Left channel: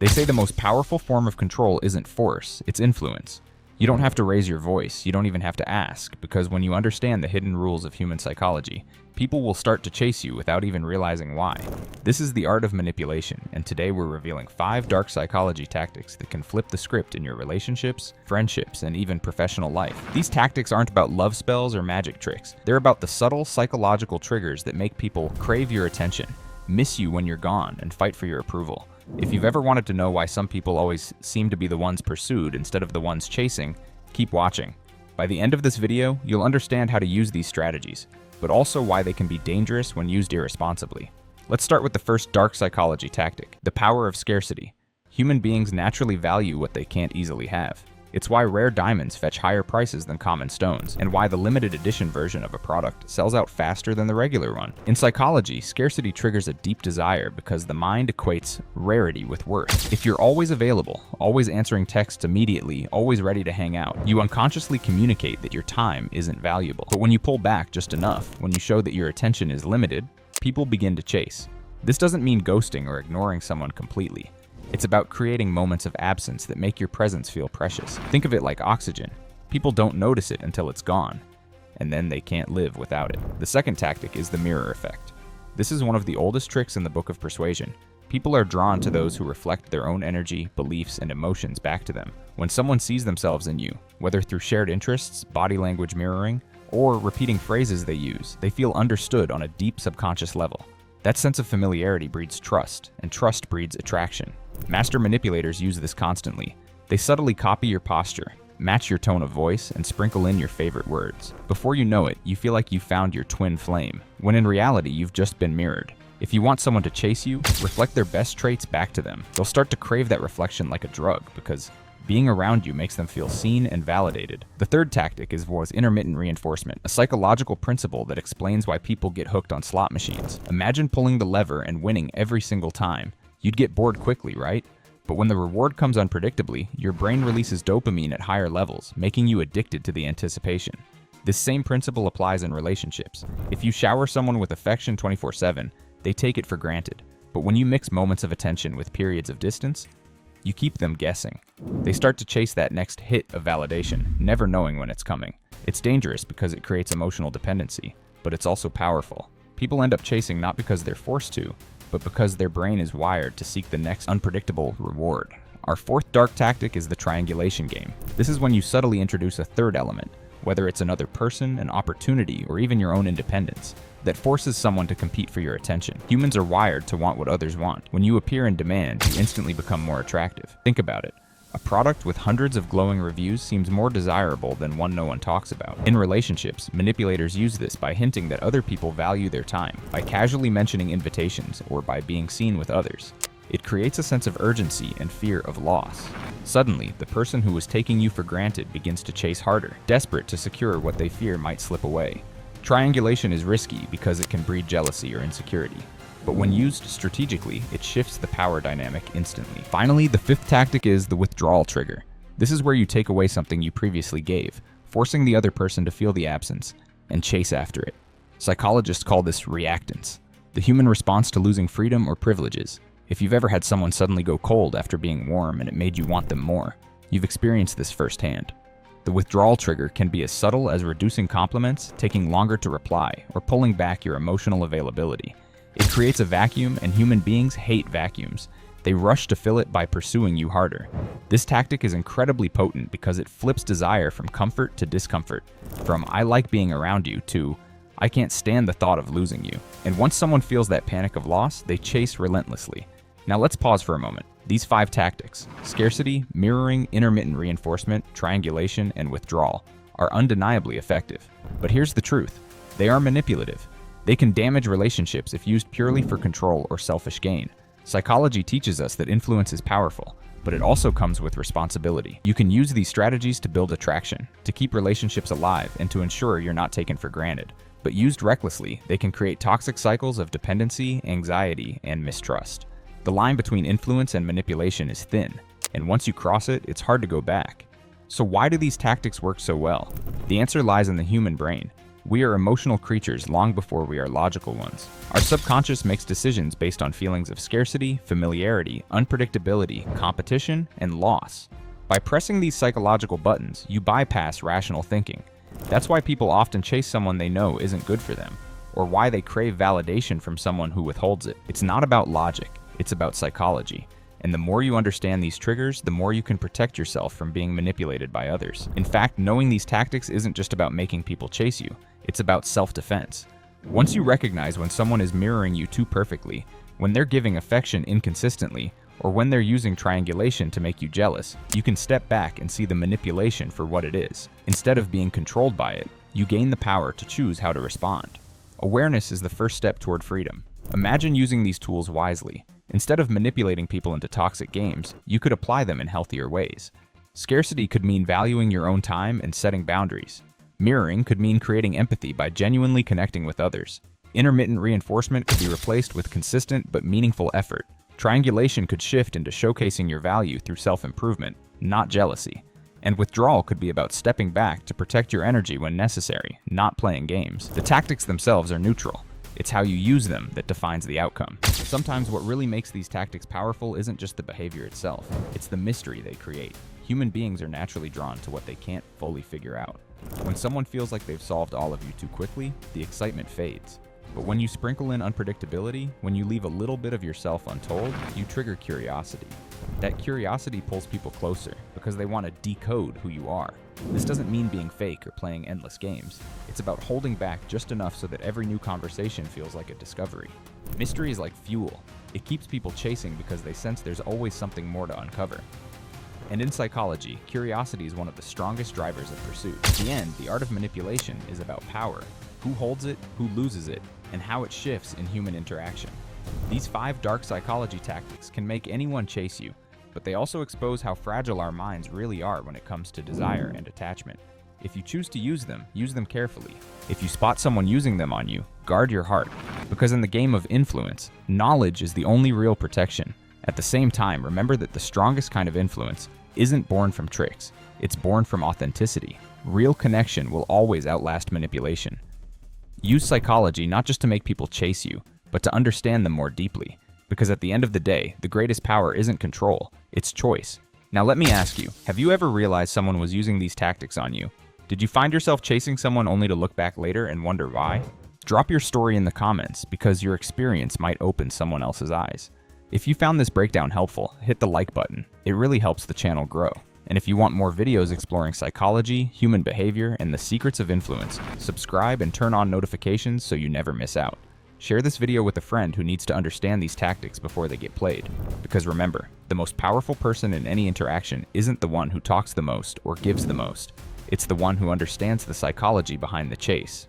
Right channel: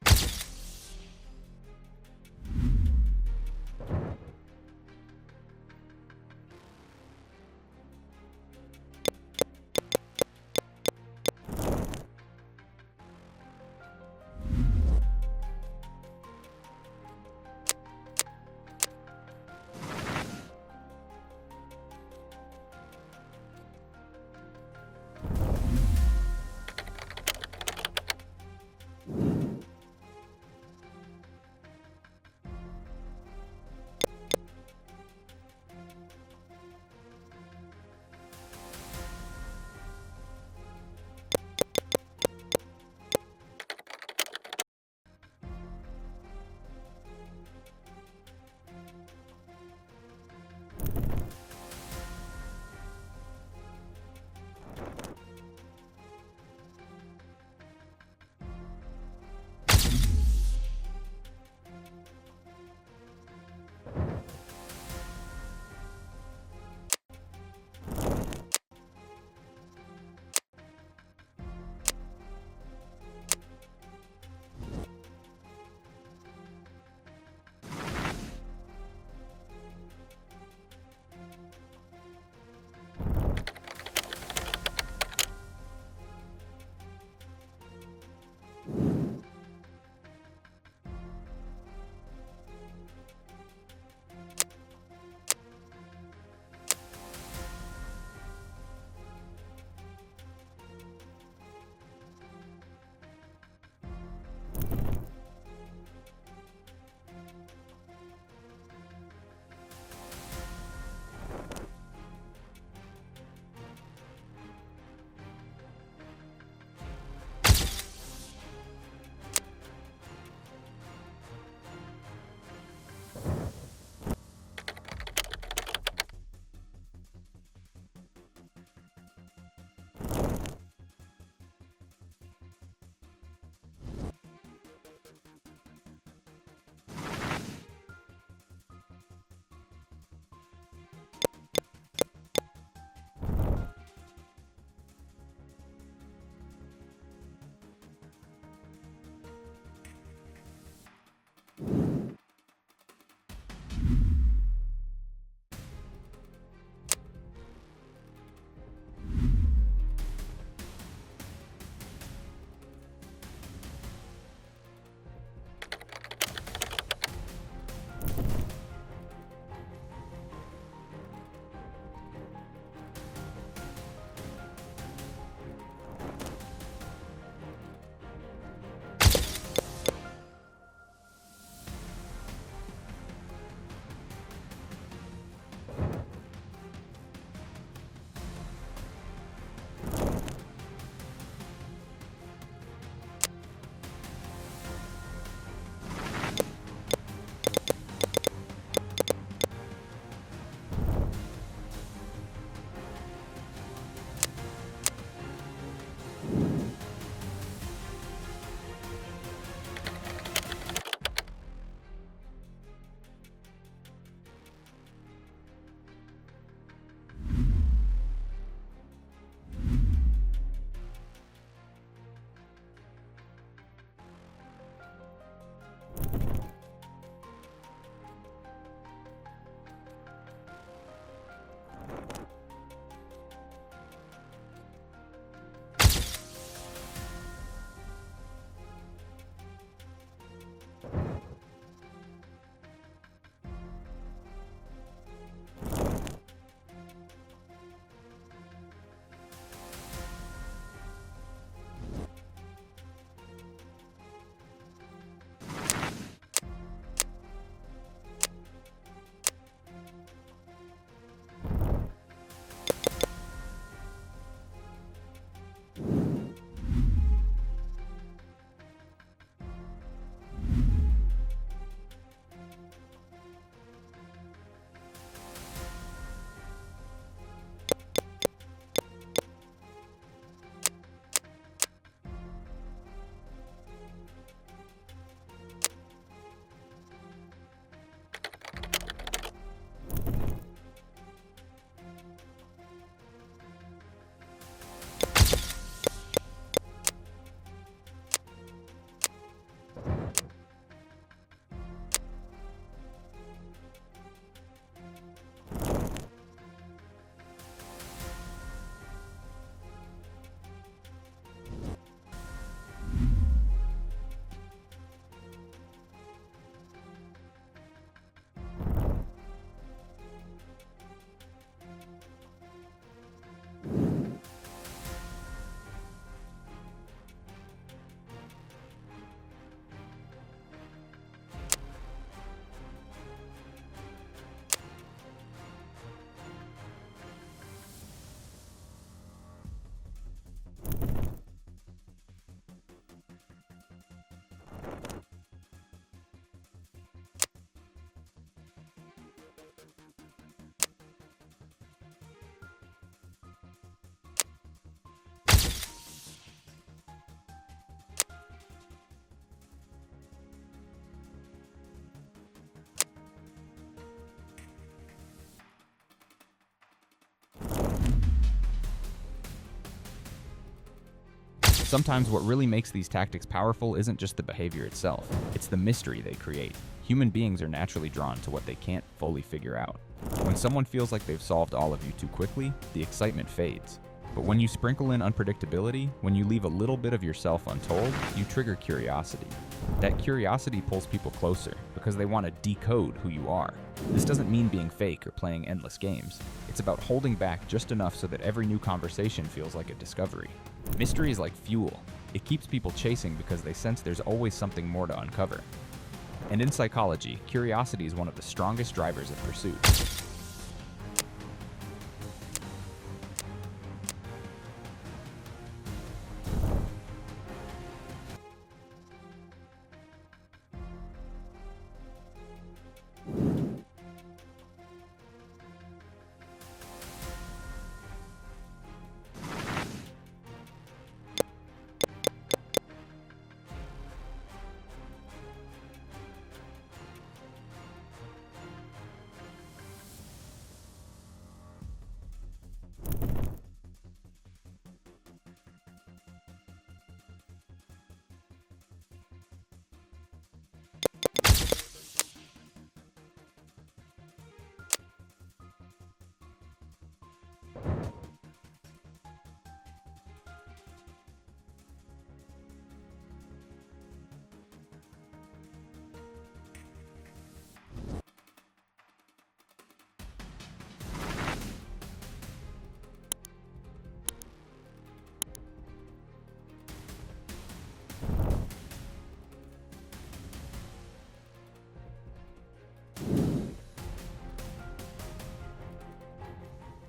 They say the most powerful form of control isn't force, it's influence. You don't have to raise your voice, you don't even have to ask, because when you understand the hidden rules of human psychology, people will start to chase you without even realizing why. This is the art of manipulation, and today we're revealing 5 dark psychology tactics that can flip the script in your relationships, friendships, and even professional life. These tactics aren't about love spells or magic tricks. They're about the subtle psychological triggers that make people crave your attention, miss you when you're gone, and fight for your approval. If you've ever wanted to know why some people always seem to be the ones pursued instead of the ones chasing, keep watching. By the end of this video, you'll understand how to use these strategies, but also why they can be dangerous when used irresponsibly. Let's start with the first dark psychology tactic, the power of scarcity. Human beings naturally value what they can't easily have. It's why rare diamonds fetch higher prices than common stones, and why the limited edition version of a product sells out faster than the regular one. In psychology, scarcity triggers a deep desire because the mind equates rarity with worth. If you're always available, always answering texts immediately, always ready to hang out, you unconsciously communicate that your time isn't valuable. But when you pull back just enough, when you show that your attention is limited, people begin to chase. This doesn't mean ghosting or ignoring someone completely. It's about creating moments of absence that make your presence feel precious. Think of it like oxygen. People don't notice it until it's gone, and then they can't live without it. The second tactic is the mirror effect. This is one of the oldest tricks in the Book of Persuasion. People are drawn to those who reflect their own energy, beliefs, and emotions back to them. When someone sees themselves in you, whether through shared interests, body language mirroring, or repeating phrases they use, they feel understood on a deep subconscious level. That sense of familiarity breeds trust, and trust breeds attraction. Master manipulators use this constantly. They subtly copy your posture, match your tone of voice, and sprinkle in your favorite words. Before you know it, you feel like you found your twin flame, when in reality, you've just been mirrored. If you want someone to chase you, reflect their best traits back to them. They'll start to crave that reflection like a drug, because being around you makes them feel seen and validated. The third tactic was intermittent reinforcement, a psychological principle that explains why people get hooked on slot machines. Imagine pulling the lever and winning every single time. You'd get bored quickly, right? But when the reward comes unpredictably, your brain releases dopamine at higher levels, making you addicted to the anticipation. This same principle applies in relationships. If you shower someone with affection 24/7, they take it for granted. But when you mix moments of attention with periods of distance, you keep them guessing. They start to chase that next hit of validation, never knowing when it's coming. It's dangerous because it creates emotional dependency, but it's also powerful. People end up chasing not because they're forced to, but because their brain is wired to seek the next unpredictable reward. Our fourth dark tactic is the triangulation game. This is when you subtly introduce a third element, whether it's another person, an opportunity, or even your own independence, that forces someone to compete for your attention. Humans are wired to want what others want. When you appear in demand, you instantly become more attractive. Think about it. A product with hundreds of glowing reviews seems more desirable than one no one talks about. In relationships, manipulators use this by hinting that other people value their time, by casually mentioning invitations, or by being seen with others. It creates a sense of urgency and fear of loss. Suddenly, the person who was taking you for granted begins to chase harder, desperate to secure what they fear might slip away. Triangulation is risky because it can breed jealousy or insecurity. But when used strategically, it shifts the power dynamic instantly. Finally, the fifth tactic is the withdrawal trigger. This is where you take away something you previously gave, forcing the other person to feel the absence and chase after it. Psychologists call this reactance, the human response to losing freedom or privileges. If you've ever had someone suddenly go cold after being warm and it made you want them more, you've experienced this firsthand. The withdrawal trigger can be as subtle as reducing compliments, taking longer to reply, or pulling back your emotional availability. It creates a vacuum, and human beings hate vacuums. They rush to fill it by pursuing you harder. This tactic is incredibly potent because it flips desire from comfort to discomfort, from "I like being around you" to "I can't stand the thought of losing you." And once someone feels that panic of loss, they chase relentlessly. Now let's pause for a moment. These 5 tactics, scarcity, mirroring, intermittent reinforcement, triangulation, and withdrawal, are undeniably effective. But here's the truth. They are manipulative. They can damage relationships if used purely for control or selfish gain. Psychology teaches us that influence is powerful, but it also comes with responsibility. You can use these strategies to build attraction, to keep relationships alive, and to ensure you're not taken for granted. But used recklessly, they can create toxic cycles of dependency, anxiety, and mistrust. The line between influence and manipulation is thin, and once you cross it, it's hard to go back. So why do these tactics work so well? The answer lies in the human brain. We are emotional creatures long before we are logical ones. Our subconscious makes decisions based on feelings of scarcity, familiarity, unpredictability, competition, and loss. By pressing these psychological buttons, you bypass rational thinking. That's why people often chase someone they know isn't good for them, or why they crave validation from someone who withholds it. It's not about logic, it's about psychology. And the more you understand these triggers, the more you can protect yourself from being manipulated by others. In fact, knowing these tactics isn't just about making people chase you, it's about self-defense. Once you recognize when someone is mirroring you too perfectly, when they're giving affection inconsistently, or when they're using triangulation to make you jealous, you can step back and see the manipulation for what it is. Instead of being controlled by it, you gain the power to choose how to respond. Awareness is the first step toward freedom. Imagine using these tools wisely. Instead of manipulating people into toxic games, you could apply them in healthier ways. Scarcity could mean valuing your own time and setting boundaries. Mirroring could mean creating empathy by genuinely connecting with others. Intermittent reinforcement could be replaced with consistent but meaningful effort. Triangulation could shift into showcasing your value through self-improvement, not jealousy. And withdrawal could be about stepping back to protect your energy when necessary, not playing games. The tactics themselves are neutral. It's how you use them that defines the outcome. Sometimes what really makes these tactics powerful isn't just the behavior itself, it's the mystery they create. Human beings are naturally drawn to what they can't fully figure out. When someone feels like they've solved all of you too quickly, the excitement fades. But when you sprinkle in unpredictability, when you leave a little bit of yourself untold, you trigger curiosity. That curiosity pulls people closer because they want to decode who you are. This doesn't mean being fake or playing endless games. It's about holding back just enough so that every new conversation feels like a discovery. Mystery is like fuel. It keeps people chasing because they sense there's always something more to uncover. And in psychology, curiosity is one of the strongest drivers of pursuit. In the end, the art of manipulation is about power. Who holds it, who loses it, and how it shifts in human interaction. These 5 dark psychology tactics can make anyone chase you, but they also expose how fragile our minds really are when it comes to desire and attachment. If you choose to use them carefully. If you spot someone using them on you, guard your heart, because in the game of influence, knowledge is the only real protection. At the same time, remember that the strongest kind of influence isn't born from tricks, it's born from authenticity. Real connection will always outlast manipulation. Use psychology not just to make people chase you, but to understand them more deeply. Because at the end of the day, the greatest power isn't control, it's choice. Now let me ask you, have you ever realized someone was using these tactics on you? Did you find yourself chasing someone only to look back later and wonder why? Drop your story in the comments, because your experience might open someone else's eyes. If you found this breakdown helpful, hit the like button. It really helps the channel grow. And if you want more videos exploring psychology, human behavior, and the secrets of influence, subscribe and turn on notifications so you never miss out. Share this video with a friend who needs to understand these tactics before they get played. Because remember, the most powerful person in any interaction isn't the one who talks the most or gives the most. It's the one who understands the psychology behind the chase.